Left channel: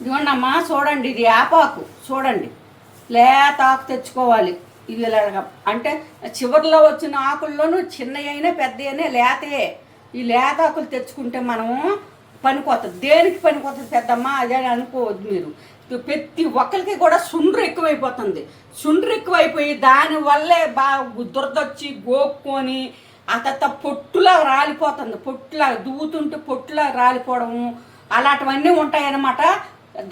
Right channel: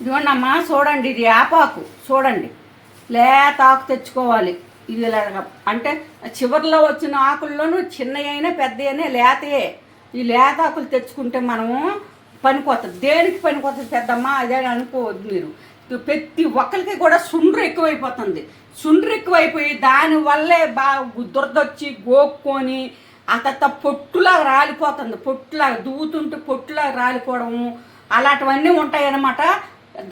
ఇదిగోండమ్మా చూడండి ఇది యాపాకు చూడండి. లేత ఆకు తెచ్చుకోవాలి. ఇది అంటే చివరిలో వచ్చిన ఆకుల్లోనూ చిన్నవి అయినా పెద్ద అయినా లేతయే. ఈ లేత ఆకులు తెచ్చుకుంటే మనము పనికొస్తుంది దేనికి పనికొస్తుంది పెద్దమ్మా? అదే అనుకోవద్దు మీరు. ప్రతి ఒక్కరికి కూడా సుండ్రు ఎక్కువైపోతుంది. సుండ్రు ఎక్కువైపోయి దానివల్లే బాగా దురదొచ్చి గోక్కొని అంత పొట్టులా రాలిపోతుంది. పొట్టులా దూతుంటే పొట్టులా రాలిపోవడము. అలాంటివన్నీ ఉంటాయన్నమాట.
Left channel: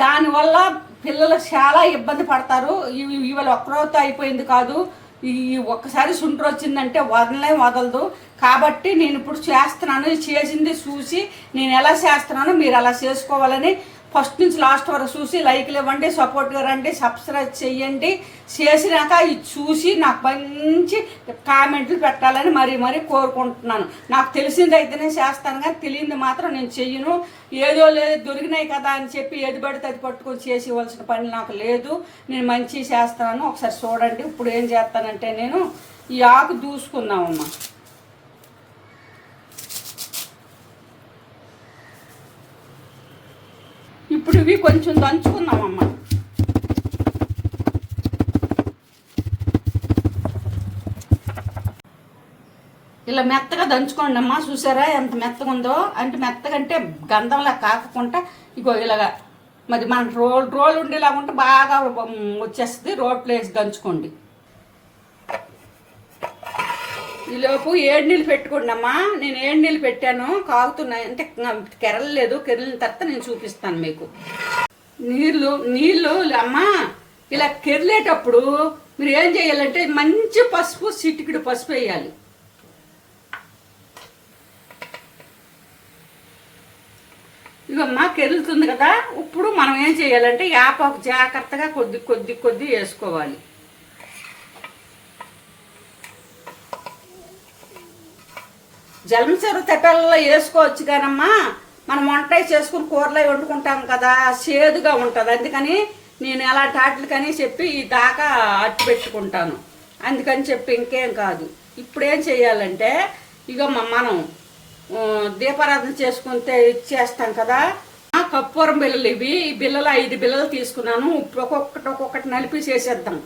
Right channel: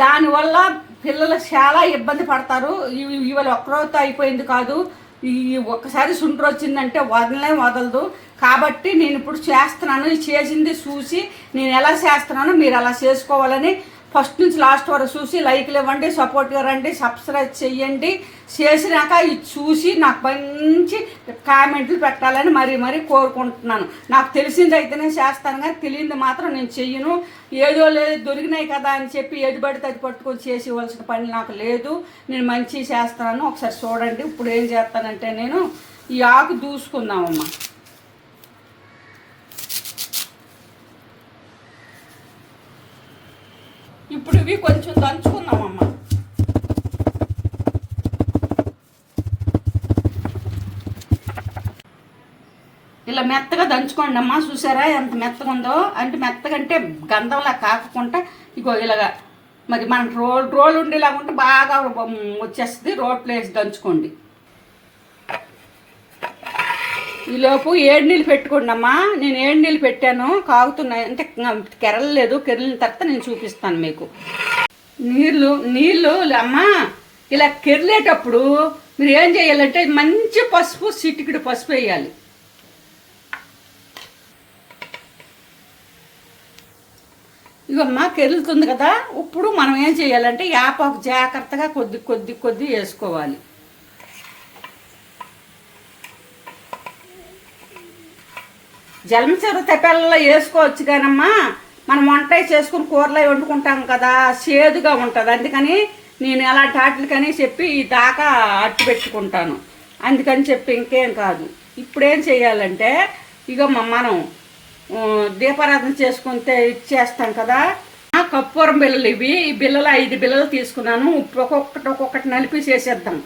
దానివల్ల పిల్లలు చాలా ఇబ్బంది పడతారు. ఇవాళ ఒక్కరోజుతో అయిపోయింది కాదు. ఈ ఒక్కసారి సుండ్రు వచ్చిందంటే వదలనే వదలదు. కాబట్టి నేను ఇప్పుడు చేస్తున్నాను. చేసింది చూసి నేను ఎలా చేస్తున్నానో మీరు అలా చేసుకోవాలని ఫస్ట్ నుంచి లాస్ట్ వరకు చూసి లైక్లు ఇవ్వండి సపోర్ట్గా రండి సబ్స్క్రైబ్ చేయండి చేసినాక ఇది చూసి నాకు మంచి కామెంట్లు పెట్టాలని మరీ మరీ కోరుకుంటున్నాను. నాకు తెలిసింది అయితేనే చేస్తాను కానీ తెలియంది మాత్రం నేను చెయ్యను. ఏదో లేదు దొరికినాయి కదా అని చెప్పి ఏది పడితే అది పట్టుకొని చేసి ఇవ్వాల్సిన పని నాకు లేదు. నేను మంచి చేస్తాను. ఒకసారి చూడండి ఇప్పుడు ఏం చేస్తానంటే నేను ఈ ఆకు దూసుకున్నామమ్మా ఇప్పుడు ఇవి కొంచెం దంచుకుందామమ్మా ఇలా మెత్తగా దంచుకోండి అమ్మా చూసారా ఎంత మెత్తగా ఉందో? అంటే మెత్తగంటే గంధంలా కాకుండా ఇగో ఇలాగా మరి మన రోల్ రోల్ ఉండేలాగా ఉంటే బాగా వచ్చేస్తుంది. రోట్లో వేసి దంచుకోండి. ఈలోపు ఏడు నీళ్ళు పెట్టుకోండి అమ్మా. నేను ఏడు నీళ్ళు పెట్టాను. కాగుతున్నాయి అంటే కెరలేదు కెరలిన తర్వాత నేను చూపిస్తాను మీకు. నీళ్ళు నీళ్ళు అమ్మా ఇలా కెరలేటప్పుడు మీరు ఏం చేయాలంటే మంచి పసుపు సిటికిడు పసుపు వేయాలి. ఇవమ్మా కెరులుతుంది కదా. ఇప్పుడు మనం ఏం చేయాలంటే యాపాకు జాగ్రత్తగా కొద్ది కొద్ది కొద్ది వేసుకోవాలి. జలమచెర తెప్పల్లో వేసుకోవచ్చు కానమ్మా. మనం వంట చేసుకుని కూరలో వండుకుంటాం కదా చేదుగా ఉంటుంది. అందుకని నేను అలాంటి వాటికని చెప్పి ఈ దాకా అట్టు పెట్టుకుంటాను. అందుకని చెప్పి ఇంకేం కాదు. ఇప్పుడేం చేయాలంటే ఇక మనం దీపారాధన చేసుకుంటే ఇచ్చేస్తాం కదా. ఆ, కర్పూరం ఇవి. ఈ బిల్లలు ఐదు బిల్లలు తీసుకున్నాను. ఇప్పుడు ఒక్కొక్కటి ఒక్కొక్కటి నలిపి చేసేద్దాం.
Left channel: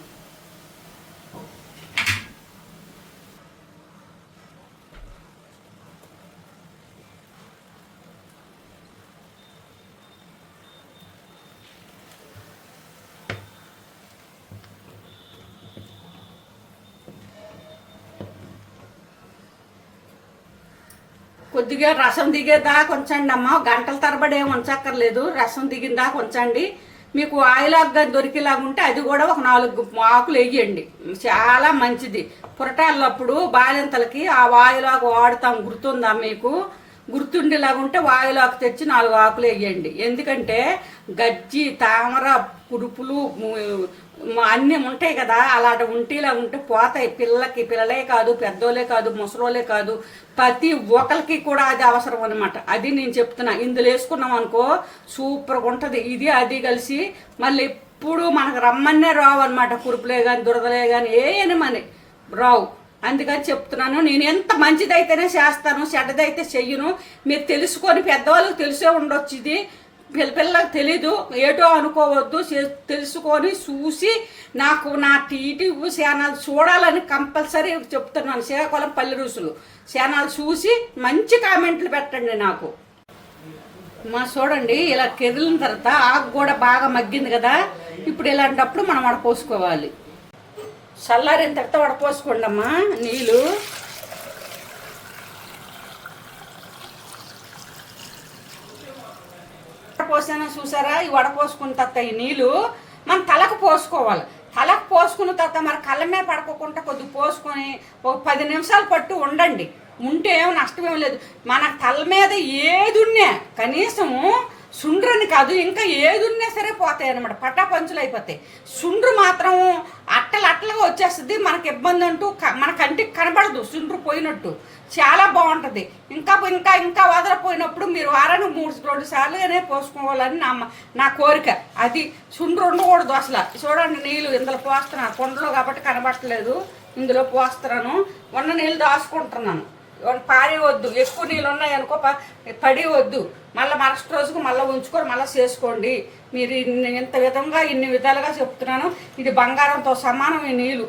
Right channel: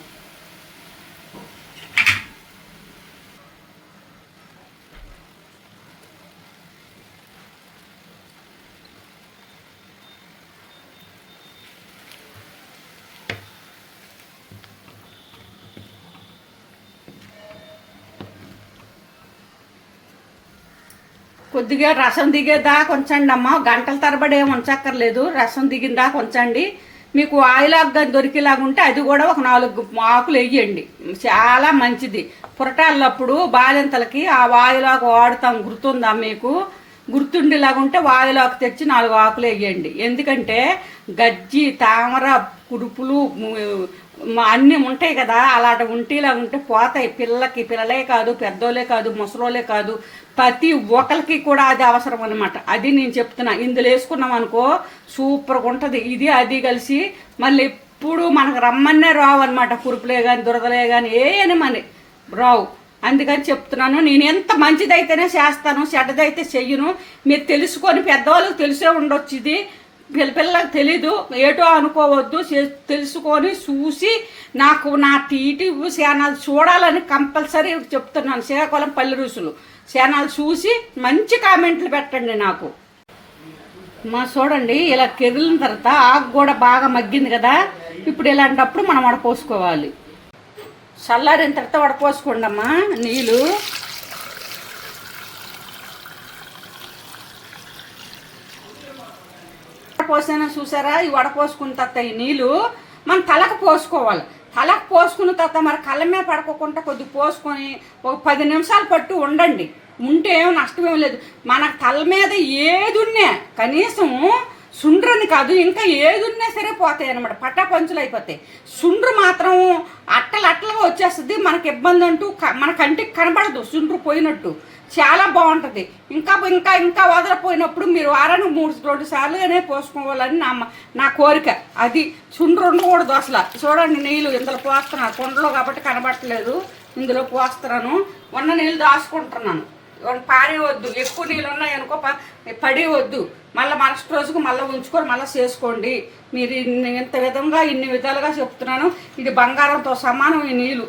కొద్దిగా రసం దిగేదాకా ఉంచండి అమ్మ గంటల తరబడి ఏమి ఉంచక్కర్లేదు రసం దిగిన దాకా ఉంచండి మీకు ఆయిలాగా దొరికేలాగా ఉంటే అది కూడా ఒక నాలుగు ఆకులు వేయండి. చాలా మంచిది. పురటాలప్పుడు బాలింతలకి ఆ వాయులాకు వాడతాం. గుర్తుందా మీకు? గుర్తుండేలాగా ఉంటే వాయులాకు తెచ్చి నాలుగు ఆకులు వేయండి. ఎందుకంటే గజ్జి తామర కురుపులు అన్నీ ఉంటాయి కదా అలాంటి ఉంటేలా ఉంటే పోతాయి. పిల్లలకి పిల్లలే కాదు పెద్దోళ్ళే కాదు ముసలోళ్ళే కాదు ప్రతి ఒక్కరికి కూడా అది అవసరం అనమాట అది నేను చెప్తున్నా. ఇందులో వేసుకున్నాం అనుకో సూపర్గా ఉంటుంది. ఇది అది కలిసి మళ్ళీ ఎప్పుడు మనకు రమ్మన్నే రావు అనమాట కురుపులే కానీ దురదలే కానీ ఏమని రావు. అందుకని చెప్తున్నాను. నేను ఎంత మంచిదైతేనే చేస్తాను చెడ్డదైతే చెయ్యను. మీరు తెలుసుకొని పెద్దవాళ్ళకి తెలిసే ఉండొచ్చు ఇది. పిల్లలకు తెలీదు ఏటో అనుకోవద్దు చే- తెలుసుకొని చూసి నాకు నా టీటీవీ ఛానల్ చూడాలని కంపల్సరీ చెప్తున్నాను. శ్రీకాకుళం పల్లె రుసులు ఛానల్ చూసి మంచి కామెంట్లు పెట్టండి నాకు. మా చూడండి ఇలా కెరిలిన తర్వాత ఆకు కూడా బాగా మగ్గింది కదా. ఇప్పుడు ఇలాంటప్పుడు మనం వడపోసుకోవాలి. చల్లారిన తర్వాత వడపోసుకోండి అమ్మా నీళ్ళు. పోసాను చూసారా? ఈ వడపోసుకున్న తర్వాత ఈ నీళ్ళు మనం తలకు పోసుకోవాలి. తలకు పోసుకున్న తర్వాత మరి కళ్ళ మీద పడుకోకుండా కొద్ది పోసుకొని ఒక పది నిమిషాలు పట్టు ఉండండి. ఉంటే ఏం నష్టమేం లేదు. మన తల మీద ఏది ఉన్నా కనీసం సుండ్రని కాదు ఇంకా ఏది ఉన్నా సరే పోతాయి అనమాట పట్టా పంచులు అయిపోతాయి సుండ్రు మాత్రం అట్టలు అట్టలుగా వచ్చేస్తుంది మనకి ఇబ్బంది అంటూ మన కంటికి కనబడదు సుండ్రు పోయినట్టు. చాలా బాగుంటుంది. ఇంకా ఇంకా ఇంకా వదలపోయినప్పుడు మీరు వారానికి మూడు రెండు సార్లుగానే పోసుకోవాలని నా నా కోరిక. అది సుండ్రు ఉండకూడదు అసలు. చూడండి నీళ్ళు ఇందులో పోస్తున్నాను కొండలో కాబట్టి కనబడట్లేదు. ఇందులో పోస్తున్నాను. ఉన్న నీళ్ళు దాచుకుంటున్నాను. పారేవద్దు ఎక్కువ నీళ్ళు ఉన్నాయనుకో ప- పడి వద్దు మళ్ళీ మరుసటి రోజుకు మళ్ళీ ఉంచుకొని మళ్ళీ చేసుకోండి. మీరు ఇన్ని ఇంత విధంగా ఇన్ని విధాలుగా చెప్తున్నాను. ఇది బంగారంతో సమానం ఈ నీళ్ళు.